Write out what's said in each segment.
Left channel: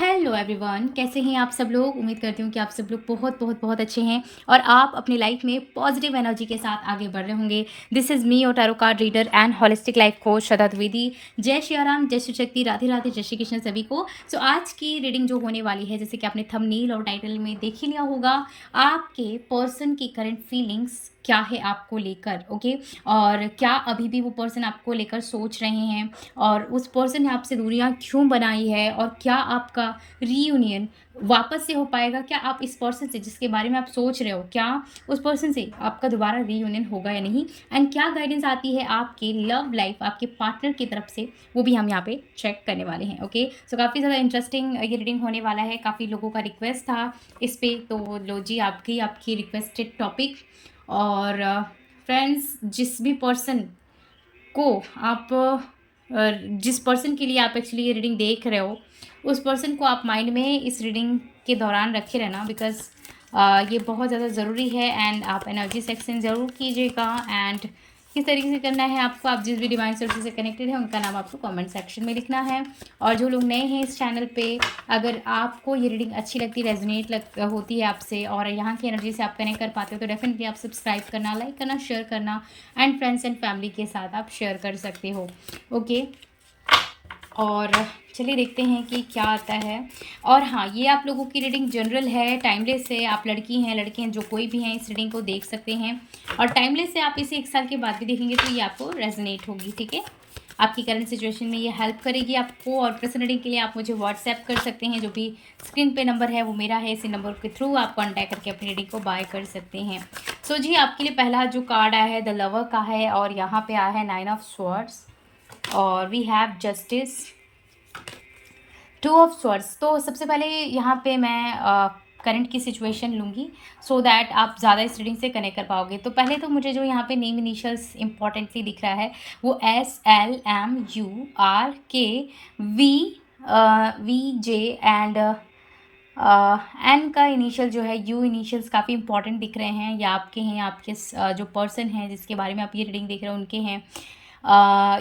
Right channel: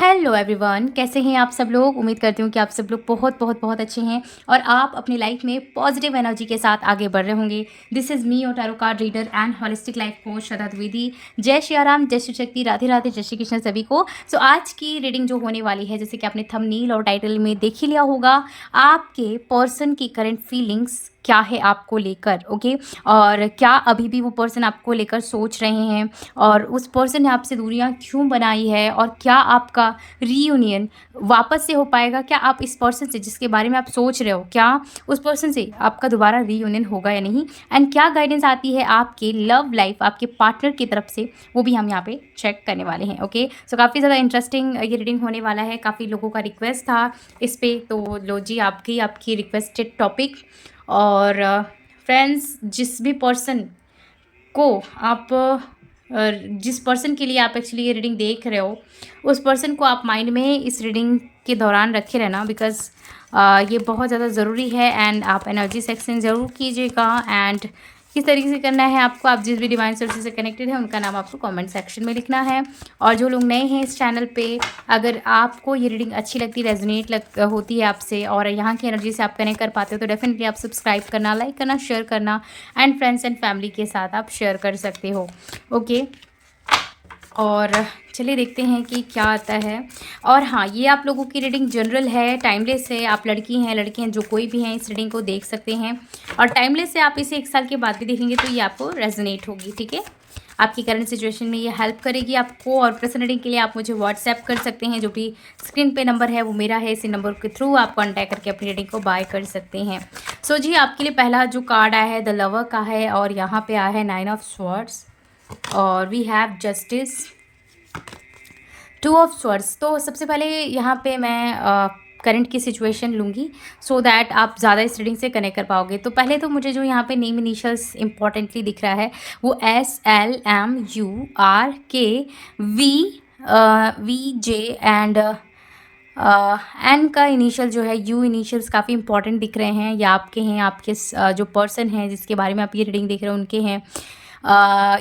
Hello everyone, कैसे हैं आप सब लोग। उम्मीद करती हूँ कि आप सब लोग बहुत बहुत बहुत अच्छे हैं और आप अपनी लाइफ में पॉजिटिव एनर्जी के साथ आगे बढ़ रहे होंगे। दिस इज़ मी, और tarot card reader and holistic life coach Shraddha Dwivedi. जय श्री राम, जय श्री शक्ति, राधे राधे, जय श्री कृष्ण सभी को। सो आज की रीडिंग जो होने वाली है, जैसे कि आपने थंबनेल और टाइटल में देख ही लिया होगा, आपके पर्सन की करंट फीलिंग्स क्या है आपको लेकर, ओके। और क्या अभी भी वो पर्सन आपको लेकर सोच रहे हैं, और उस पर्सन ने आपसे दूरियां क्यों बनाई है, और क्या आपका रीयूनियन वापस से हो पाएगा। क्या आप इस पर्सन से जिसके बारे में आप सोच रहे हो, क्या उस पर्सन से आपका दोबारा रीयूनियन होगा या नहीं, एंड क्या गाइडेंस आती है आपके लव लाइफ, आपके पार्टनर की तरफ से, वो भी हम यहाँ पे चेक करने वाले हैं, ओके। सो काफ़ी ज़्यादा इंटरेस्टिंग ये रीडिंग होने वाला है। काफ़ी लोगों का रिक्वेस्ट था इस पे, तो लो जी, आपकी रिक्वेस्टेड टॉपिक। और फ्रेंड्स, जिस भी पर्सन को आप जिस पर्सन के लिए आप एक्चुअली ये रीडिंग देख रहे हो, उस पर्सन को आप माइंड में इस रीडिंग के दौरान रखे रहना, बिकॉज ये बहुत ज़्यादा ज़रूरी है। एंड आप एनर्जी सेक्शन ज़रूर कीजिएगा। एंड किस तरीके से करना है आपको, आप जिस भी डिवाइन सोर्सेज से कनेक्टेड है उनका नाम आपको कमेंट सेक्शन में लिखना है। और जो लोग नए हैं इस चैनल पे, अगर आपको ये रीडिंग अच्छी लगती, रेजोनेट होती है आपसे, और यहाँ की एनर्जी से आप कनेक्ट कर पाते हो, तो डेफिनेटली आप सब्सक्राइब करना, लाइक करना, शेयर करना, एंड फ्रेंड्स एंड फैमिली के साथ आप शेयर कर सकते हो, ओके। और चलिए देखते हैं कि क्या आता है। और हाँ, ये आप लोगों की रीडिंग जनरल है, टाइमलेस है। आप लड़की हैं, लड़के हैं, जो कोई भी हैं, इस रीडिंग को देख सकते हैं। और टाइमलेस है, आप इसे 1 साल के बाद भी देखेंगे तो ये आपको रेजोनेट होगी, ठीक है। आपकी करंट सिचुएशन में ये हेल्प करेगी आपको। और पर्सनल रीडिंग के लिए आप मुझे व्हाट्सएप कर सकते हैं, जो भी स्क्रीन पे नंबर है वो मेरा है। इसी नंबर के थ्रू आप कॉन्टैक्ट करके अपनी रीडिंग को बाय कर सकते हैं। सो जी, आपके लिए पहला जो कार्ड आया है द लवर का है, और यहाँ पे आया है 9 ऑफ स्वॉर्ड्स, और we have justice, 2 of swords. तो सबसे पहले यहाँ पे मैं करंट की सिचुएशन लूँगी, सो दैट आप ज़्यादा इस रीडिंग से कनेक्ट कर पाओगे। तो पहले तो मुझे जो यहाँ पे नेम इनिशियल्स इंपॉर्टेंटली दिख रहा है, वो SLMURKVJ एंड एन का इनिशियल जो है यू इनिशियल्स काफ़ी इंपॉर्टेंट दिख रहे हैं, या आपके हैं, आपके जो पर्सन हैं जिसके बारे में आप ये रीडिंग देख रहे हो उनके हैं।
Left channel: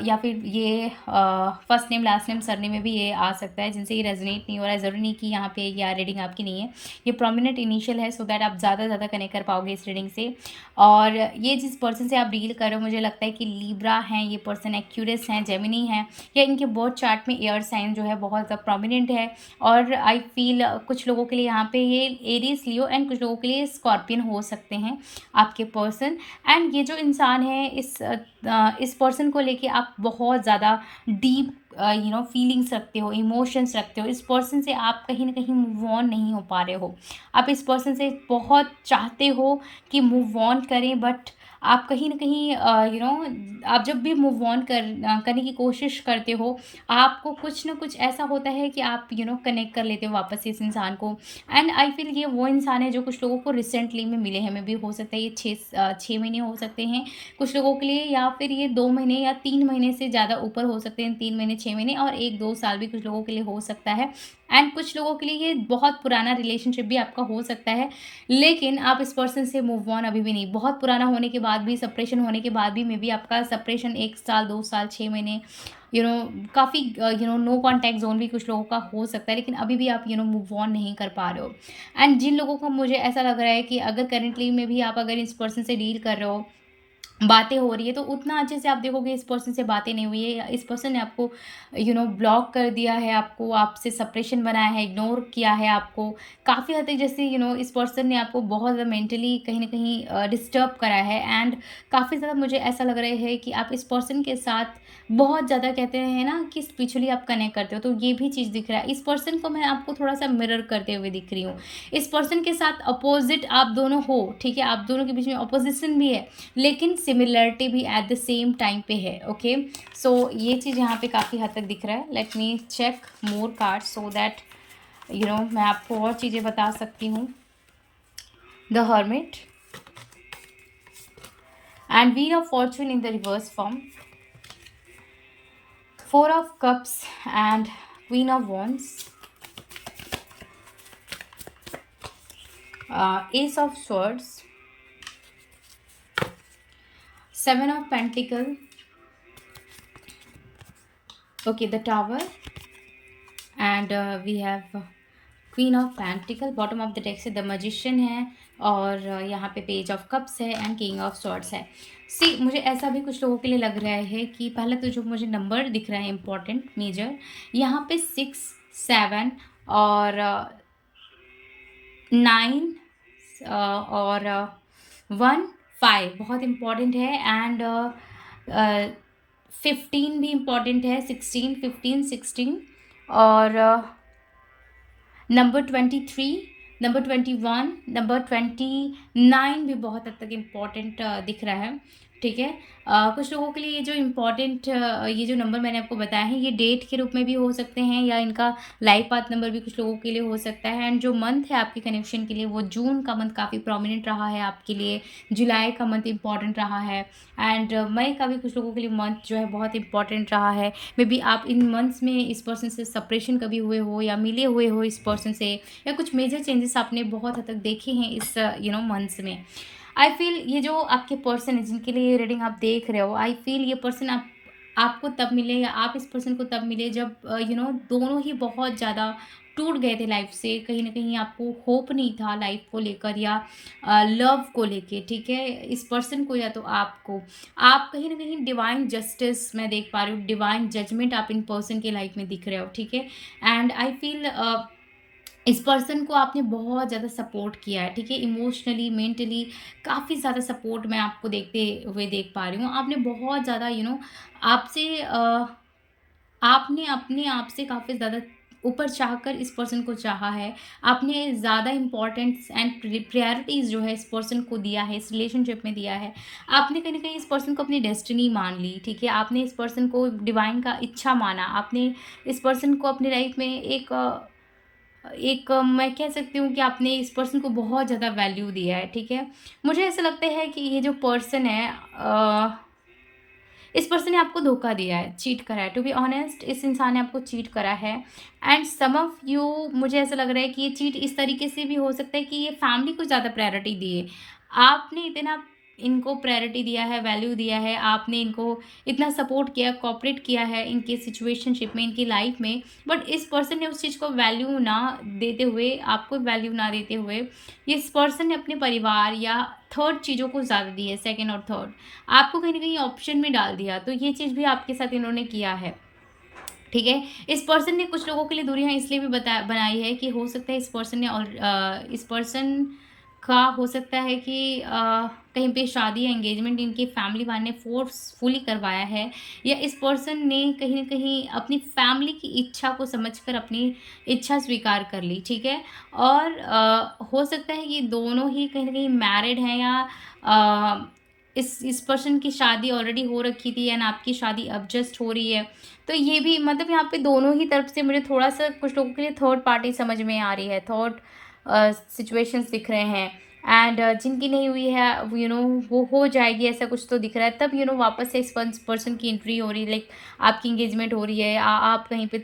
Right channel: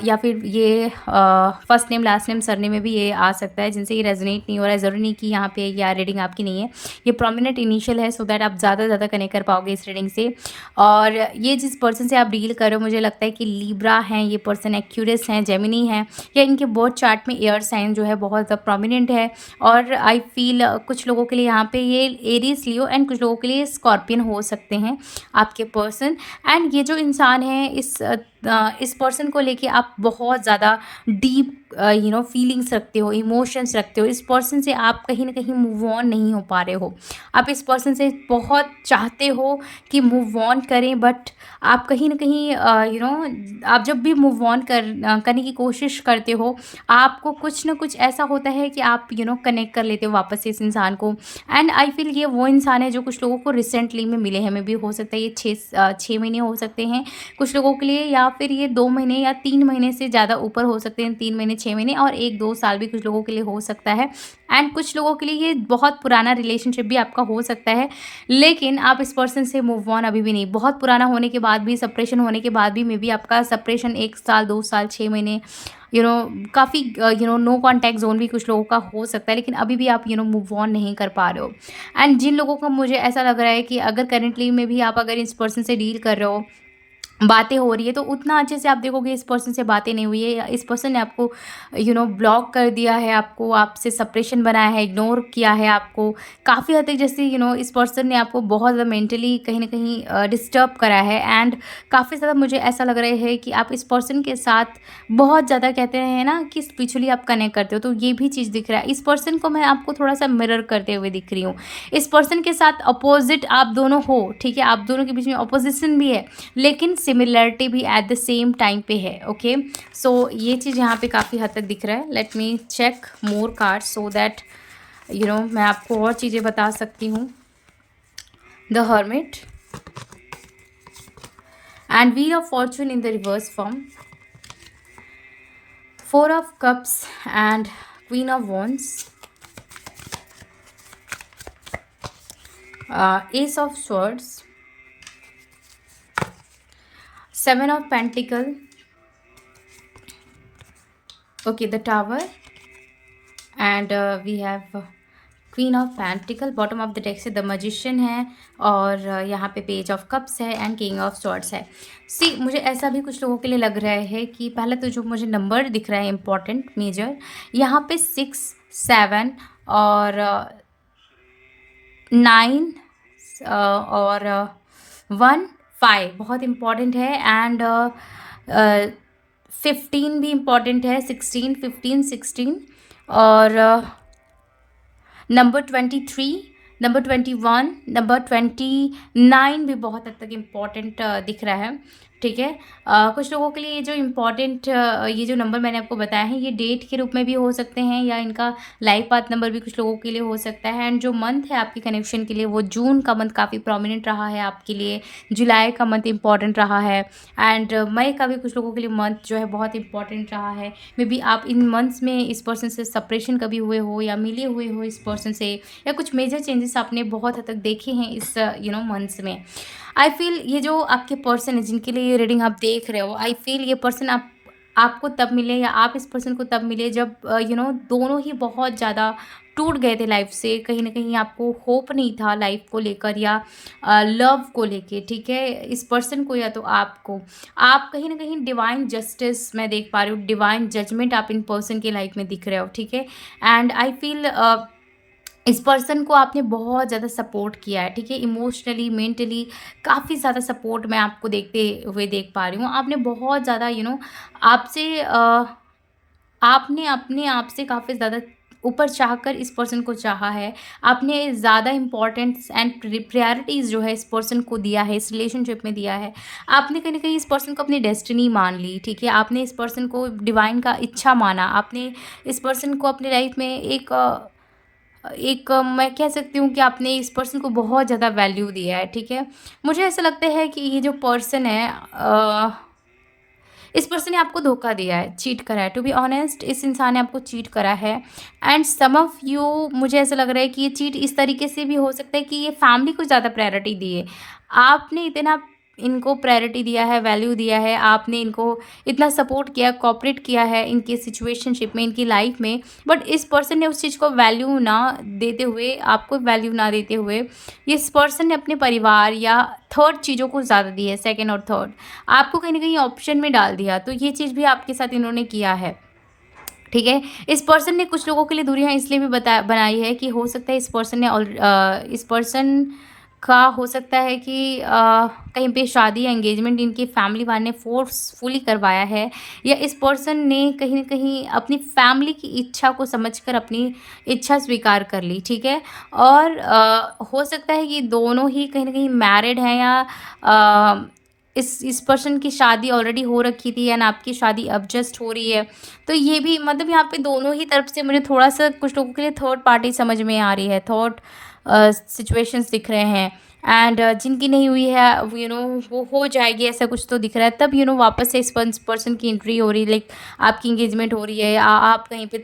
या फिर ये first name last name surname में भी ये आ सकता है, जिनसे ये रेजोनेट नहीं हो रहा है। ज़रूरी नहीं कि यहाँ पे या रीडिंग आपकी नहीं है, ये प्रोमिनेंट इनिशियल है, सो दैट आप ज़्यादा ज़्यादा कनेक्ट कर पाओगे इस रीडिंग से। और ये जिस पर्सन से आप डील कर रहे हो, मुझे लगता है कि लीब्रा हैं ये पर्सन, एक्यूरियस हैं, जेमिनी हैं, या इनके बर्थ चार्ट में एयर साइन जो है बहुत ज़्यादा प्रोमिनेंट है। और आई फील कुछ लोगों के लिए यहाँ पे ये एरीज लियो, एंड कुछ लोगों के लिए स्कॉर्पियन हो सकते हैं आपके पर्सन। एंड ये जो इंसान है, इस पर्सन को लेके आप बहुत ज़्यादा डीप फीलिंग्स रखते हो, इमोशंस रखते हो। इस पर्सन से आप कहीं ना कहीं मूव ऑन नहीं हो पा रहे हो। आप इस पर्सन से बहुत चाहते हो कि मूव ऑन करें, बट आप कहीं ना कहीं आप जब भी मूव ऑन करने की कोशिश करते हो, आपको कुछ ना कुछ ऐसा होता है कि आप कनेक्ट कर लेते हो वापस से इस इंसान को। एंड आई फील ये वो इंसान है जो कुछ लोगों को रिसेंटली में मिले हैं। मे भी हो सकता है ये 6 महीने हो सकते हैं कुछ लोगों के लिए, या फिर ये 2 महीने या 3 महीने से ज़्यादा ऊपर हो सकते हैं, 3 महीने 6 महीने, और 1-2 साल भी कुछ लोगों के लिए हो सकता है। एंड कुछ लोगों के लिए ये बहुत पुराना रिलेशनशिप भी आपका हो सकता है, लेकिन आप इस पर्सन से मूव ऑन अभी भी नहीं। बहुत पुराना होने के बाद भी, सेपरेशन होने के बाद भी, मे बी आपका सेपरेशन 1 साल 2 साल 6 महीने, काफ़ी नो कॉन्टैक्ट जोन भी कुछ लोगों का हो सकता है, लेकिन अभी भी आप मूव ऑन नहीं कर पा रहे हो। एंड जिन लोगों का मुझे ऐसा लग रहा है कि अगर करेंटली में भी आप अगर इस पर्सन से डील कर रहे हो, बातें हो रही है, तो उतना अच्छे से आप देखोगे इस पर्सन से बातें नहीं हुई है, या इस पर्सन ने आपको ब्लॉक कर दिया है, आपको आपसे सेपरेशन बनाया है, इग्नोर किया है आपको काफ़ी हद तक। जैसे इस पर्सन ने आपको बहुत ज़्यादा मेंटली कहीं ना कहीं डिस्टर्ब करा है। एंड काफ़ी ज़्यादा मुझे ऐसा लग रहा है कि आप इस पर्सन के साथ बहुत ज़्यादा, कहते हैं ना कि स्पिरिचुअली आप कनेक्ट करते हो, तो ये भी चीज़ दिख रहा है। इस पर्सन को मैं आपको थोड़ा सा मिरर करते हुए दिख रही हूँ। इस पर्सन के साथ अपोजिट आप दोनों हो, ठीक है, आप दोनों के बीच में अपोजिशन भी है, लेकिन सिमिलरिटी भी एट द सेम टाइम पे है, ओके। सो ये चीज़ यहाँ पे काफ़ी हद तक दिख रहा है। Let me check more card so that मैं आपको और चीज़ें बता सकती हूँ। The hermit and wheel of fortune in the reverse form, 4 of cups and queen of wands, ace of swords, 7 of Pentacle, okay, the Tower, and we have queen of pentacle, bottom of the deck से the magician है, और यहाँ पे page of cups है and king of swords है। सी मुझे ऐसा भी कुछ लोगों के लिए लग रहा है कि पहले तो जो मुझे नंबर दिख रहा है इम्पॉर्टेंट मेजर, यहाँ पे 6, 7 और 9 और 1, 5 बहुत इम्पॉर्टेंट है, एंड 15 भी इम्पॉर्टेंट है, 16, 15, 16 और नंबर 23, नंबर 21, नंबर 29 भी बहुत हद तक इम्पॉर्टेंट दिख रहा है। ठीक है, कुछ लोगों के लिए ये जो इम्पॉर्टेंट ये जो नंबर मैंने आपको बताया है, ये डेट के रूप में भी हो सकते हैं, या इनका लाइफ पाथ नंबर भी कुछ लोगों के लिए हो सकता है। एंड जो मंथ है आपके कनेक्शन के लिए, वो जून का मंथ काफ़ी प्रोमिनेंट रहा है आपके लिए, जुलाई का मंथ इम्पॉर्टेंट रहा है, एंड मई का भी कुछ लोगों के लिए मंथ जो है बहुत इंपॉर्टेंट रहा है। मे बी आप इन मंथ्स में इस पर्सन से सेपरेशन कभी हुए हो, या मिले हुए हो इस पर्सन से, या कुछ मेजर चेंजेस आपने बहुत हद तक देखे हैं इस मंथ्स में। आई फील ये जो आपके पर्सन है जिनके लिए ये रीडिंग आप देख रहे हो, आई फील ये पर्सन आपको तब मिले, या आप इस पर्सन को तब मिले जब दोनों ही बहुत ज़्यादा टूट गए थे लाइफ से। कहीं ना कहीं आपको होप नहीं था लाइफ को लेकर, या लव को लेके। ठीक है, इस पर्सन को या तो आपको, आप कहीं ना कहीं डिवाइन जस्टिस मैं देख पा रही हूँ, डिवाइन जजमेंट आप इन पर्सन की लाइफ में दिख रहे हो। ठीक है, एंड आई फील इस पर्सन को आपने बहुत ज़्यादा सपोर्ट किया है। ठीक है, इमोशनली, मेंटली काफ़ी ज़्यादा सपोर्ट मैं आपको देखते हुए देख पा रही हूँ। आपने बहुत ज़्यादा आपसे आपने अपने आप से काफ़ी ज़्यादा ऊपर चाहकर इस पर्सन को चाहा है। आपने ज़्यादा इम्पोर्टेंस एंड प्रायोरिटीज़ जो है इस पर्सन को दिया है, इस रिलेशनशिप में दिया है। आपने कहीं न कहीं इस पर्सन को अपनी डेस्टिनी मान ली। ठीक है, आपने इस पर्सन को डिवाइन का इच्छा माना। आपने इस पर्सन को अपनी लाइफ में मैं कह सकती हूँ कि आपने इस पर्सन को बहुत ज़्यादा वैल्यू दिया है। ठीक है, मुझे ऐसा लगता है कि ये जो पर्सन है इस पर्सन ने आपको धोखा दिया है, चीट करा है। टू बी ऑनेस्ट, इस इंसान ने आपको चीट करा है, एंड सम ऑफ यू, मुझे ऐसा लग रहा है कि ये चीट इस तरीके से भी हो सकता है कि ये फैमिली को ज़्यादा प्रायोरिटी दिए। आपने इतना इनको प्रायोरिटी दिया है, वैल्यू दिया है, आपने इनको इतना सपोर्ट किया, कोऑपरेट किया है इनके सिचुएशनशिप में, इनकी लाइफ में, बट इस पर्सन ने उस चीज़ को वैल्यू ना देते हुए, आपको वैल्यू ना देते हुए, इस पर्सन ने अपने परिवार या थर्ड चीज़ों को ज़्यादा दी है, सेकंड और थर्ड, आपको कहीं ना कहीं ऑप्शन में डाल दिया। तो ये चीज़ भी आपके साथ इन्होंने किया है। ठीक है, इस पर्सन ने कुछ लोगों के लिए दूरियां इसलिए भी बनाई है कि हो सकता है इस पर्सन ने इस पर्सन का हो सकता है कि कहीं पे शादी या एंगेजमेंट इनकी फैमिली वाले ने फोर्सफुली करवाया है, या इस पर्सन ने कहीं ना कहीं अपनी फैमिली की इच्छा को समझकर अपनी इच्छा स्वीकार कर ली। ठीक है, और हो सकता है कि दोनों ही कहीं ना कहीं मैरिड हैं, या अ, इस पर्सन की शादी ऑलरेडी हो रखी थी, या ना आपकी शादी अब जस्ट हो रही है। तो ये भी मतलब यहाँ पे दोनों ही तरफ से मुझे थोड़ा-सा कुछ लोगों के लिए थर्ड पार्टी समझ में आ रही है, थर्ड सिचुएशंस दिख रहे हैं, एंड जिनकी नहीं हुई है वो हो जाएगी, ऐसा कुछ तो दिख रहा है। तब वापस से इस पर्सन की एंट्री हो रही है, लाइक आपकी एंगेजमेंट हो रही है, आप कहीं पे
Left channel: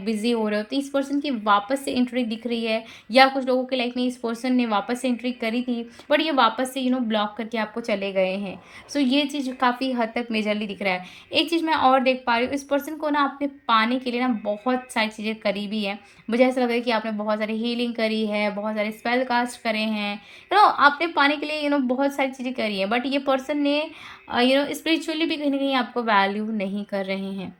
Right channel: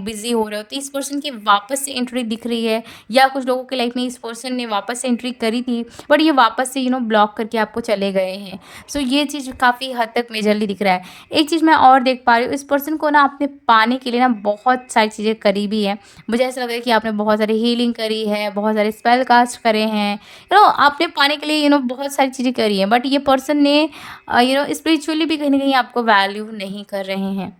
बिज़ी हो रहे हो, तो इस पर्सन की वापस से एंट्री दिख रही है, या कुछ लोगों की लाइफ में इस पर्सन ने वापस से एंट्री करी थी, बट ये वापस से ब्लॉक करके आपको चले गए हैं। सो ये चीज़ काफ़ी हद तक मेजरली दिख रहा है। एक चीज़ मैं और देख पा रही हूँ, इस पर्सन को ना आपने पाने के लिए ना बहुत सारी चीज़ें करी भी है। मुझे ऐसा लग रहा है कि आपने बहुत सारी हीलिंग करी है, बहुत सारे स्पेल कास्ट करे हैं, आपने पाने के लिए बहुत सारी चीज़ें करी हैं, बट ये पर्सन ने स्पिरिचुअली भी कहीं ना कहीं आपको वैल्यू नहीं कर रहे हैं।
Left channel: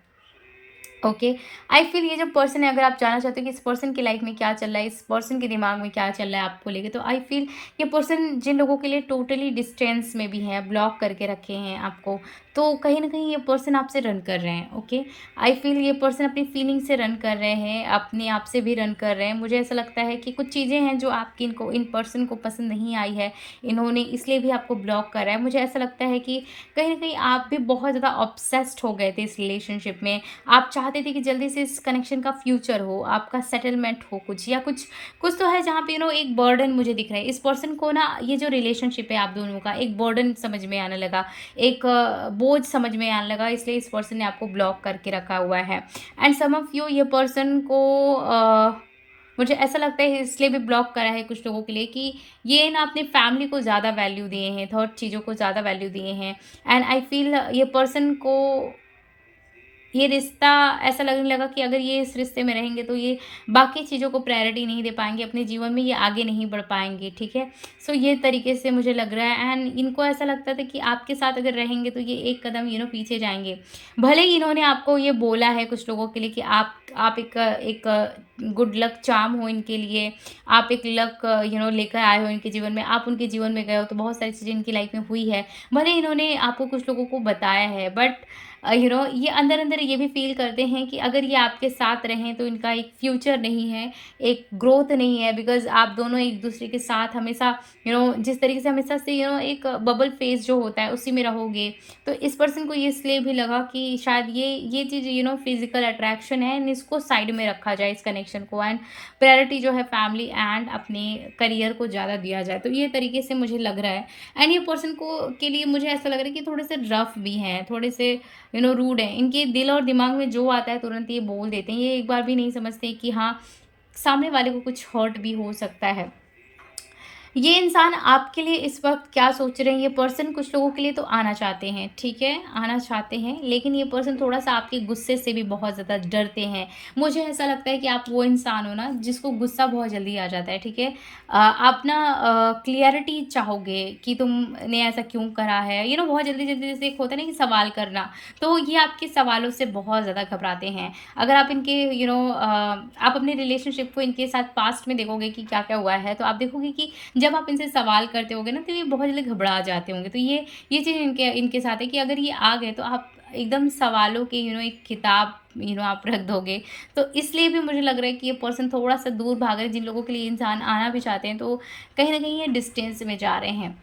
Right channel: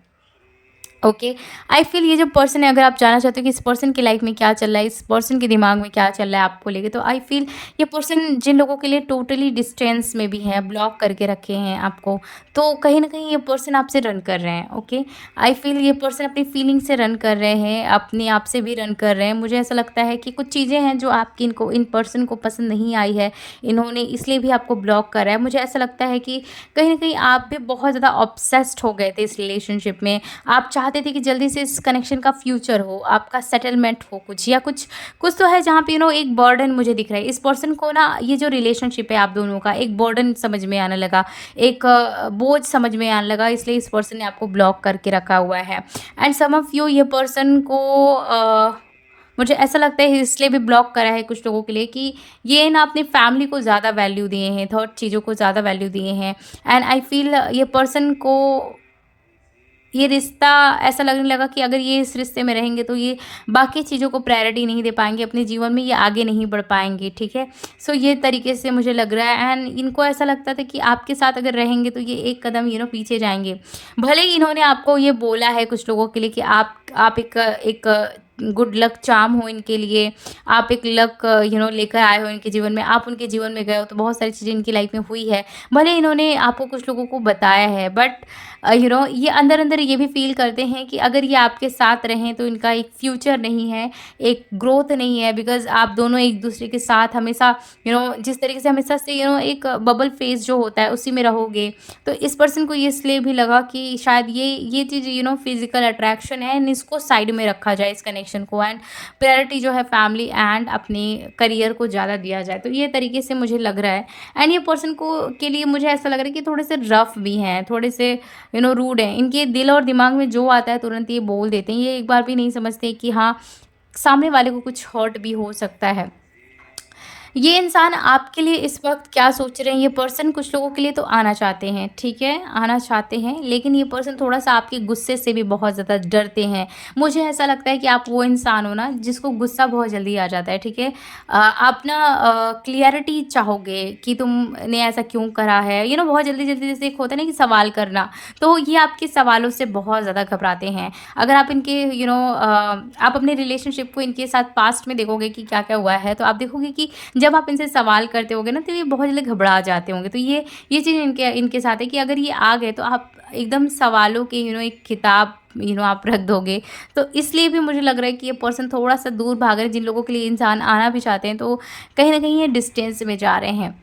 ओके, आई फील ये जो पर्सन है, अगर आप जानना चाहते हो कि इस पर्सन की लाइफ में क्या चल रहा है, इस पर्सन के दिमाग में क्या चल रहा है आपको लेके, तो आई फील ये पर्सन जिन लोगों के लिए टोटली डिस्टेंस में भी है, ब्लॉक करके रखे हैं आपको, तो कहीं ना कहीं ये पर्सन आपसे रन कर रहे हैं। ओके, आई फील ये पर्सन अपनी फीलिंग से रन कर रहे हैं, अपने आप से भी रन कर रहे हैं। मुझे ऐसा लगता है कि कुछ चीज़ें हैं जो आपकी इन पर्सन को पसंद नहीं आई है, इन्होंने इसलिए भी आपको ब्लॉक करा है। मुझे ऐसा लगता है कि कहीं ना कहीं आप भी बहुत ज़्यादा ऑब्सेस्ड हो गए थे इस रिलेशनशिप में। आप चाहते थे कि जल्दी से इस कनेक्शन का फ्यूचर हो, आपका सेटलमेंट हो, कुछ या कुछ कुछ तो है जहाँ पे एक बर्डन मुझे दिख रहा है। इस पर्सन को ना ये जो रिलेशनशिप है आप दोनों का, एक बर्डन समझ में आने लगा, एक बोझ समझ में आने लगा, इसलिए इस पर्सन ने आपको ब्लॉक करके रखा हुआ है। एंड सम ऑफ यू, ये पर्सन को मुझे ऐसा लगता है इसलिए भी ब्लॉक करा है कुछ लोगों के लिए कि ये ना अपनी फैमिली को ज़्यादा वैल्यू दिए हैं, थर्ड चीज़ों को ज़्यादा वैल्यू दिए हैं, एंड आई फील ये पर्सन को ये रिश्ता ऐसा लगने लगा कि अगर ये इस रिश्ते में रहेंगे तो ये बाकी चीज़ों को प्रायोरिटी नहीं दे पाएँगे, अपने जीवन में ये आगे नहीं बढ़ पाएँगे, ठीक है? सो ये तरीके से मुझे लग रहा है एंड इनको ऐसा लगता था कि आपके साथ अगर रहेंगे तो ये एक कदम पीछे जाएँगे। भले ही इन्होंने आपको ये बोला है कुछ लोगों के लिए कि आप एक गुड लक चार्म हो इनके लिए, आप एक लक लेकर आए हो इनके जीवन में, आप उनके जीवन में गए हो तो बहुत सारी चीज़ें इनकी लाइफ में हुई है। भले इन्होंने आपको कुछ लोगों को बताया है बट ये अंदर-अंदर ये भी फ़ील करते हैं कि अगर ये आपके साथ रहें तो इनका एक फ्यूचर नहीं है, एक ग्रोथ नहीं है बिकॉज़ आप दोनों एक-दूसरे के साथ हमेशा जिस तरीके से हमेशा से एक बबल फेज़ जो होता है उसी में रहोगे। तो इस पर्सन को ये इसलिए भी लगा कि शायद ये चीज़ फ़िज़िकल अट्रैक्शन है एंड इसको साइड में रखा जाए इस कनेक्शन को एंड प्रायोरिटी जो है फैमिली एंड अपने करियर को ज़्यादा दिया जाए। तो ये तरीके से मुझे लग रहा है एंड ये पर्सन को के लिए मुझे ऐसा लग रहा है कि थोड़े से रफ़ भी हैं, थोड़े से रूड हैं। इनके दिल और दिमाग में जो आता है तुरंत ये बोल देते हैं। ये एक बार भी नहीं समझते कि हाँ, सामने वाले को कुछ हर्ट भी हो सकता है। ये इंसान आपके लिए इस वक़्त क्या सोच रहे हैं, ये पर्सन कुछ लोगों के लिए तो आना चाहते हैं, ठीक है? आना चाहते हैं, लेकिन ये पर्सन थोड़ा-सा आपके गुस्से से भी बहुत ज़्यादा डरते हैं। मुझे ऐसा लगता है कि आप वो इंसान हो ना, जिसको गुस्सा बहुत जल्दी आ जाता है, ठीक है? आप ना क्लैरिटी चाहोगे कि तुमने ऐसा क्यों करा है? बहुत जल्दी-जल्दी जैसे एक होता है ना कि सवाल करना, तो ये आपके सवालों से बहुत ज़्यादा घबराते हैं। अगर आप इनके आप अपने रिलेशनशिप को इनके साथ पास्ट में देखोगे कि क्या-क्या हुआ है, तो आप देखोगे कि जब आप इनसे सवाल करते होगे ना तो ये बहुत जल्दी घबरा जाते होंगे। तो ये चीज़ इनके इनके साथ है कि अगर ये आ गए तो आप एकदम सवालों के एक किताब आप रख दोगे। तो इसलिए भी मुझे लग रहा है कि ये पर्सन थोड़ा-सा दूर भाग रहे हैं, जिन लोगों के लिए इंसान आना भी चाहते हैं तो कहीं न कहीं ये डिस्टेंस में जा रहे हैं।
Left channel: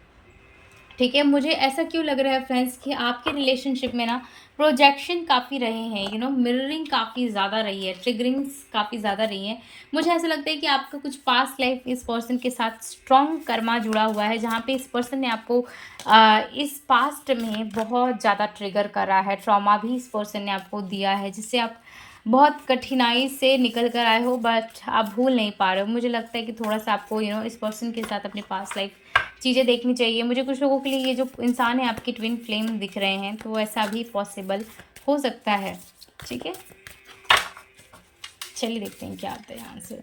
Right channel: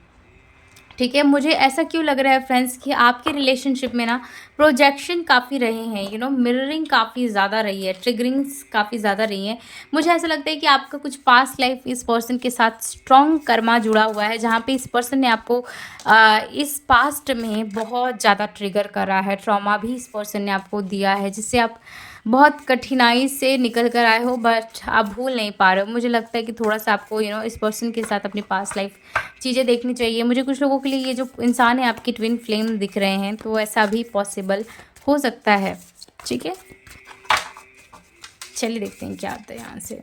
ठीक है, मुझे ऐसा क्यों लग रहा है फ्रेंड्स कि आपके रिलेशनशिप में ना प्रोजेक्शन काफ़ी रहे हैं, मिररिंग काफ़ी ज़्यादा रही है, ट्रिगरिंग्स काफ़ी ज़्यादा रही हैं। मुझे ऐसा लगता है कि आपका कुछ पास्ट लाइफ इस पर्सन के साथ स्ट्रॉन्ग कर्मा जुड़ा हुआ है, जहाँ पे इस पर्सन ने आपको इस पास्ट में बहुत ज़्यादा ट्रिगर करा है, ट्रॉमा भी इस पर्सन ने आपको दिया है, जिससे आप बहुत कठिनाई से निकल कर आए हो बट आप भूल नहीं पा रहे हो। मुझे लगता है कि थोड़ा-सा आपको इस पर्सन के साथ अपनी पास्ट लाइफ चीज़ें देखनी चाहिए। मुझे कुछ लोगों के लिए ये जो इंसान है आपके ट्विन फ्लेम दिख रहे हैं, तो ऐसा भी पॉसिबल हो सकता है। ठीक है? चलिए देखते हैं क्या आता है यहाँ से।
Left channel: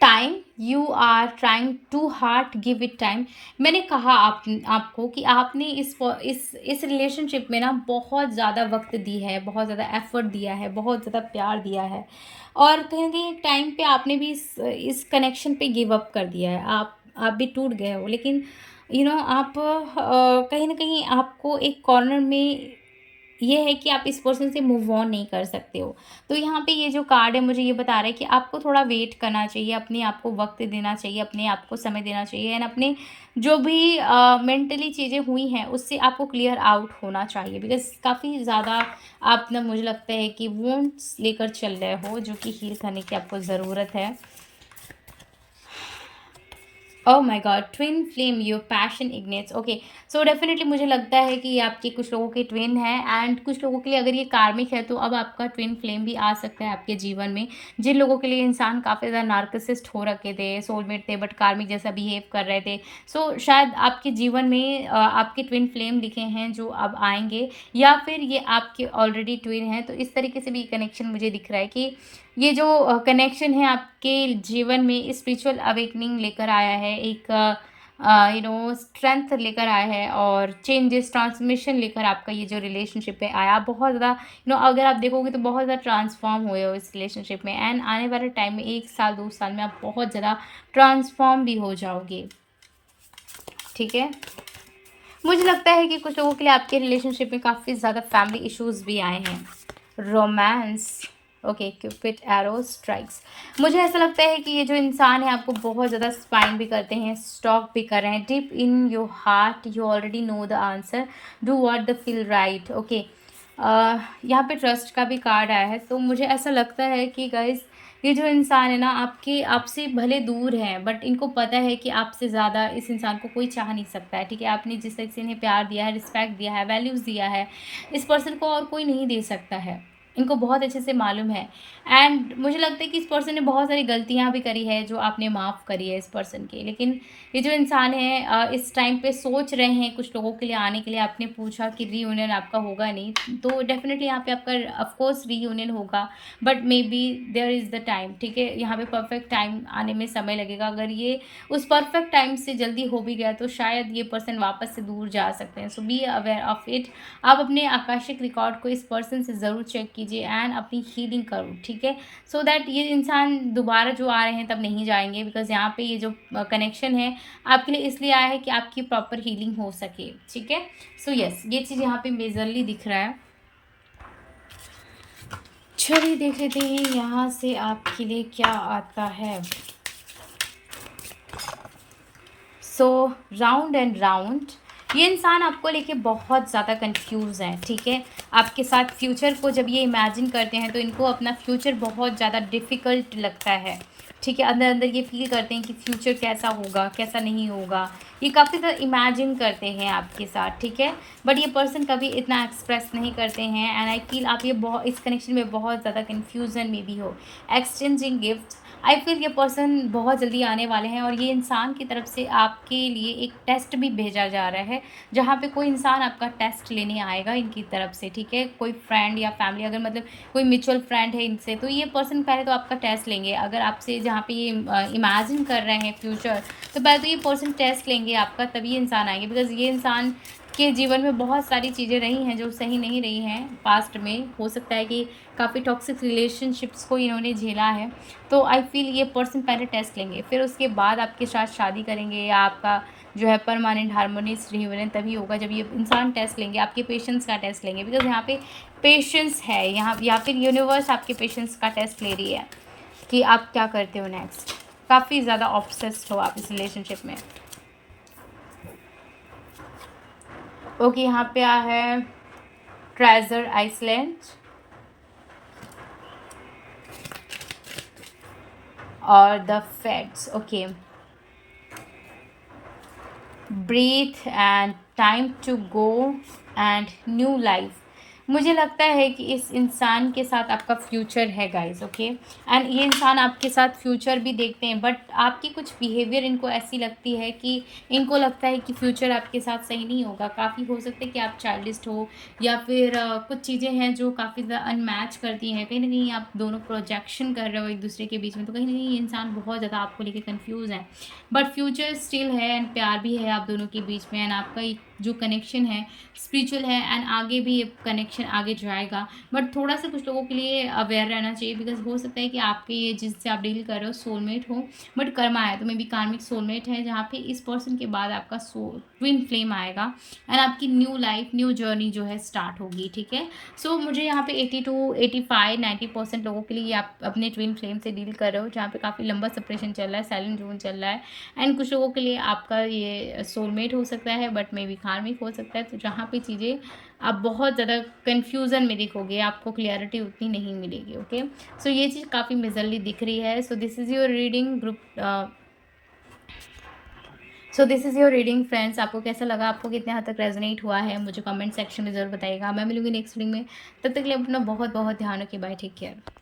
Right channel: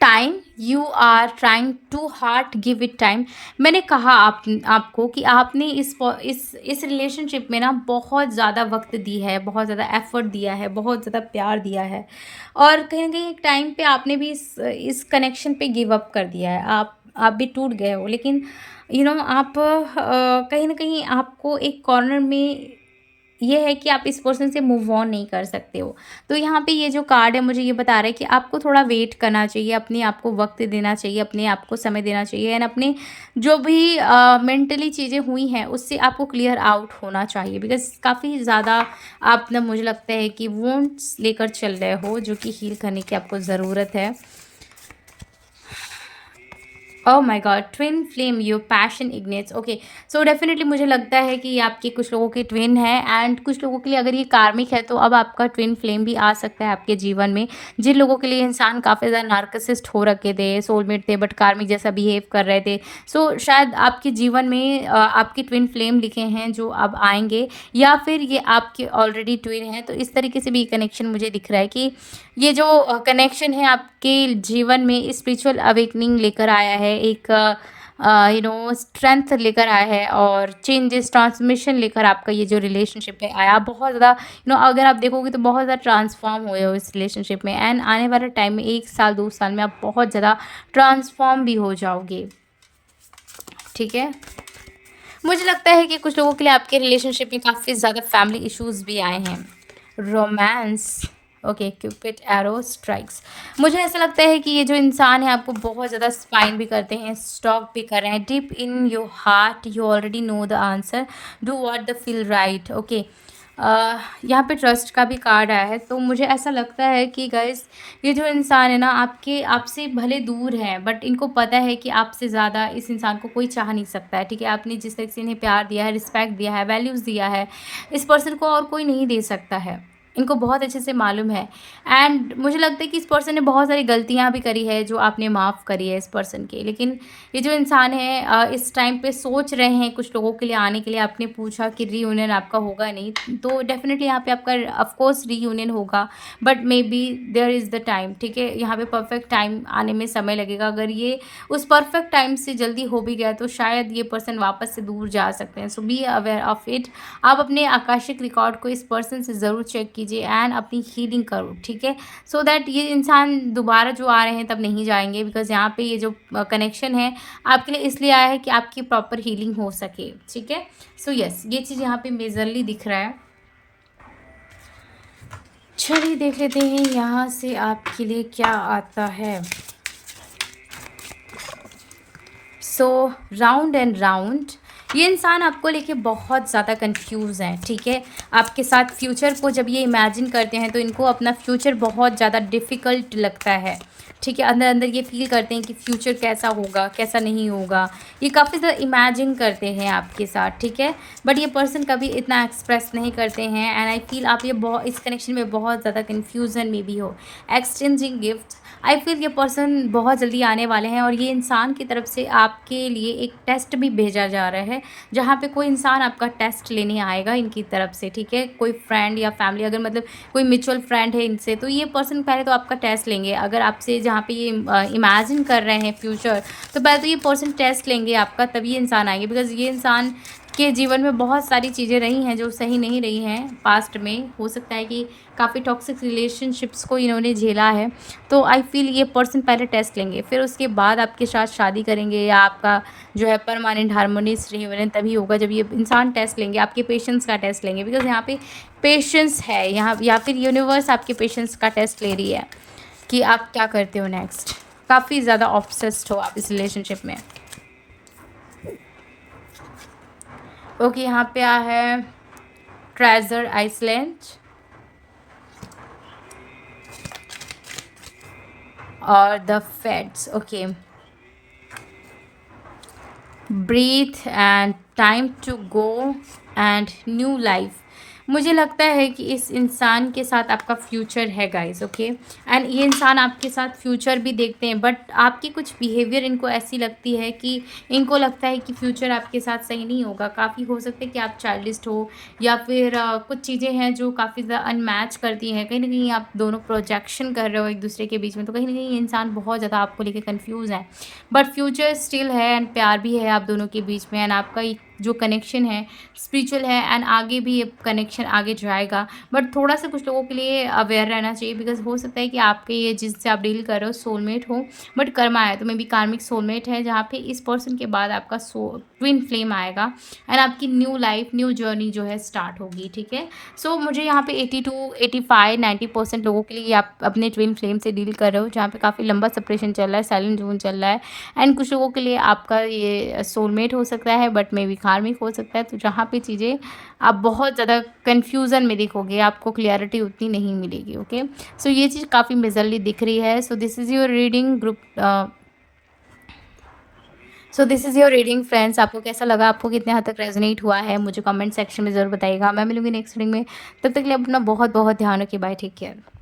Time, you are trying too hard, give it time. मैंने कहा आपको कि आपने इस रिलेशनशिप में ना बहुत ज़्यादा वक्त दी है, बहुत ज़्यादा एफर्ट दिया है, बहुत ज़्यादा प्यार दिया है और कहीं ना कहीं एक टाइम पे आपने भी इस कनेक्शन पे गिव अप कर दिया है। आप भी टूट गए हो, लेकिन आप कहीं ना कहीं आपको एक कॉर्नर में ये है कि आप इस पर्सन से मूव ऑन नहीं कर सकते हो। तो यहाँ पे ये जो कार्ड है मुझे ये बता रहा है कि आपको थोड़ा वेट करना चाहिए, अपने आप को वक़्त देना चाहिए, अपने आप को समय देना चाहिए एंड अपने जो भी मेंटली चीज़ें हुई हैं उससे आपको क्लियर आउट होना चाहिए बिकॉज़ काफ़ी ज़्यादा आप ना मुझे लगता है कि वुंड्स लेकर चल रहे हो जो कि हील करने की आपको ज़रूरत है। Oh my God, twin flame, your passion ignites. Okay, so definitely मुझे लगता है कि ये आपके कुछ लोगों के ट्विन हैं एंड कुछ लोगों के लिए अगर ये कार्मिक है तो अब आपका ट्विन फ्लेम भी आ सकता है आपके जीवन में। जिन लोगों के लिए इंसान काफ़ी ज़्यादा नार्सिसिस्ट हो रखे थे, सोलमेट थे बट कार्मिक जैसा बिहेव कर रहे थे, सो शायद आपके जीवन में आपके ट्विन फ्लेम लिखे हैं जो अब आएंगे या फिर ये आपके ऑलरेडी ट्विन हैं। तो इस तरीके से भी कनेक्शन मुझे दिख रहा है कि ये जो कनेक्शन है आपके जीवन में स्पिरिचुअल अवेकनिंग लेकर आया है, एक स्ट्रेंथ लेकर आया है और चेंजेस ट्रांसमिशन लेकर आपका ये जो रिलेशनशिप है आया। बहुत ज़्यादा अगर आप देखोगे तो बहुत ज़्यादा ट्रांसफॉर्म हुए हो इस रिलेशनशिप में एंड आने वाले टाइम में 1 साल 2 साल में आप बहुत ज़्यादा ट्रांसफॉर्म भी हो जाओगे। ठीक है, मुझे लगता है कि कुछ लोगों के लिए आपके रिलेशनशिप में काफ़ी ज़्यादा फैमिली इश्यूज़ भी आए हैं। Romance, okay, Cupid arrow strikes. मुझे ऐसा लगता है कि ये जो इंसान है आपको बहुत ज़्यादा स्पाइन भी करते हैं, स्टॉक भी कर रहे हैं। Deep in your heart you already know the answer, do what the feel right. Okay, यहाँ पे ट्रस्ट का भी कार्ड आया है। तो मुझे ऐसा लगता है कि गाइस ये जो इंसान है ना आपसे भले दूर है बट इनको पता है कि आपसे ज़्यादा इस इंसान को कोई चाह नहीं सकता है। ठीक है, आपने जिस तरह से इन्हें प्यार दिया है, रिस्पेक्ट दिया है, वैल्यूज़ दिया है, इस पर्सन को और कोई नहीं दे सकता है। इनको बहुत अच्छे से मालूम है। एंड मुझे लगता है कि इस पर्सन ने बहुत सारी गलतियाँ भी करी है जो आपने माफ़ करी है इस पर्सन के। लेकिन ये जो इंसान है इस टाइम पे सोच रहे हैं कुछ लोगों के लिए आने के लिए। आपने पूछा कि रीयूनियन आपका होगा नहीं, तो डेफ़िनेटली यहाँ पे आपका ऑफ कोर्स रीयूनियन होगा, but maybe there is the time, ठीक है? यहाँ पे परफेक्ट टाइम आने में समय लगेगा। अगर ये उस परफेक्ट टाइम से जल्दी हो भी गया तो शायद ये पर्सन वापस से दूर जा सकते हैं। सो बी अवेयर ऑफ इट। आप अपने आकाशिक रिकॉर्ड को इस पर्सन से ज़रूर चेक कीजिए एंड अपनी हीलिंग करो, ठीक है? सो दैट ये इंसान दोबारा जो आ रहे हैं तब नहीं जाएंगे, बिकॉज यहाँ पे ये जो कनेक्शन है आपके लिए इसलिए आया है कि आपकी प्रॉपर हीलिंग हो सके, ठीक है? सो यस, ये चीज़ यहाँ पे मेजरली दिख रहा है। चलिए देख लेते हैं यहाँ से आपके लिए क्या आता है। सो राउंड एंड राउंड, ये इंसान आपको लेके बहुत ज़्यादा कंफ्यूज है, ठीक है? आपके साथ फ्यूचर को जब ये इमेजिन करते हैं तो इनको अपना फ्यूचर बहुत ज़्यादा डिफ़िकल्ट लगता है, ठीक है? अंदर अंदर ये फील करते हैं कि फ्यूचर कैसा होगा, कैसा नहीं होगा। ये काफ़ी ज़्यादा इमेजिन करते हैं आपके साथ, ठीक है? बट ये पर्सन कभी इतना एक्सप्रेस नहीं करते हैं। एंड आई फील आप ये बहुत इस कनेक्शन में बहुत ज़्यादा कन्फ्यूज़न में भी हो। एक्सचेंजिंग गिफ्ट, आई फील ये पर्सन बहुत जल्दी आने वाले हैं और ये इंसान की तरफ से आपके लिए एक टेस्ट भी भेजा जा रहा है, जहाँ पे कोई इंसान आपका टेस्ट लेने आएगा इनकी तरफ से, ठीक है? कोई फ्रेंड या फैमिली, अगर मतलब कोई म्यूचुअल फ्रेंड है इनसे, तो ये पर्सन पहले तो आपका टेस्ट लेंगे। अगर आपसे जहाँ पे ये इमेजिन कर रहे हैं फ्यूचर, तो पहले तो ये पर्सन टेस्ट लेंगे आपका, तभी ये इंसान आएंगे। बिकॉज ये इंसान के जीवन में बहुत सारी चीज़ें रही हैं जो सही नहीं रही हैं पास्ट में। हो सकता है कि काफ़ी टॉक्सिक रिलेशनशिप्स को इन्होंने झेला है। तो आई फील ये पर्सन पहले टेस्ट लेंगे, फिर उसके बाद आपके साथ शादी करेंगे या आपका जो है परमानेंट हार्मोनियस रियूनियन तभी होगा जब ये इंसान टेस्ट लेंगे, आपके पेशेंस का टेस्ट लेंगे। बिकॉज यहाँ पे पेशेंस है यहाँ, या फिर यूनिवर्स आपके पेशेंस का टेस्ट ले रही है कि आप क्या करते हो नेक्स्ट। काफ़ी ज़्यादा ऑब्सेस्ड हो आप इस रिलेशनशिप में। ओके, यहाँ पे आ है ट्रेजर आइसलैंड और the fades. Okay, breathe and time to go and new life. मुझे लगता है कि इस इंसान के साथ आपका फ्यूचर है गाइस, ओके? एंड ये इंसान आपके साथ फ्यूचर भी देखते हैं, बट आपकी कुछ बिहेवियर इनको ऐसी लगती है कि इनको लगता है कि फ्यूचर आपके साथ सही नहीं होगा। काफ़ी हो सकता है कि आप चाइल्डिस्ट हो, या फिर कुछ चीज़ें हैं जो काफ़ी ज़्यादा अनमैच करती हैं। कहीं ना कहीं आप दोनों प्रोजेक्शन कर रहे हो एक दूसरे के बीच में, तो कहीं ना कहीं इंसान बहुत ज़्यादा आपको लेके कन्फ्यूज़ है। बट फ्यूचर स्टिल है एंड प्यार भी है आप दोनों के बीच में। एंड आपका जो कनेक्शन है स्पिरिचुअल है, एंड आगे भी ये कनेक्शन आगे जाएगा। बट थोड़ा सा कुछ लोगों के लिए अवेयर रहना चाहिए, बिकॉज हो सकता है कि आपके ये जिससे आप डील कर रहे हो सोलमेट हो, बट कर्मा है तो मे बी कार्मिक सोलमेट है, जहाँ पे इस पर्सन के बाद आपका ट्विन फ्लेम आएगा एंड आपकी न्यू लाइफ, न्यू जर्नी जो है स्टार्ट होगी, ठीक है? सो मुझे यहाँ पे 82, 85, 90% लोगों के लिए आप अपने ट्विन फ्लेम से डील कर रहे हो, जहाँ पे काफ़ी लंबा सेपरेशन चल रहा है, साइलेंट जोन चल रहा है। एंड कुछ लोगों के लिए आपका ये सोलमेट हो सकता है, बट मे बी कार्मिक हो सकता है। तो जहाँ पे चीज़ें आप बहुत ज़्यादा कन्फ्यूज़न में देखोगे, आपको क्लियरिटी उतनी नहीं मिलेगी, ओके? सो ये चीज़ काफ़ी मेजरली दिख रही है। So this is your reading group. So this is your reading friends. आपको कैसा लगा, आपको कितने हद तक रेजोनेट हुआ है, मुझे कमेंट सेक्शन में ज़रूर बताइएगा। मैं मिलूंगी नेक्स्ट रीडिंग में, तब तक के लिए अपना बहुत बहुत ध्यान रखिए। Bye, take care.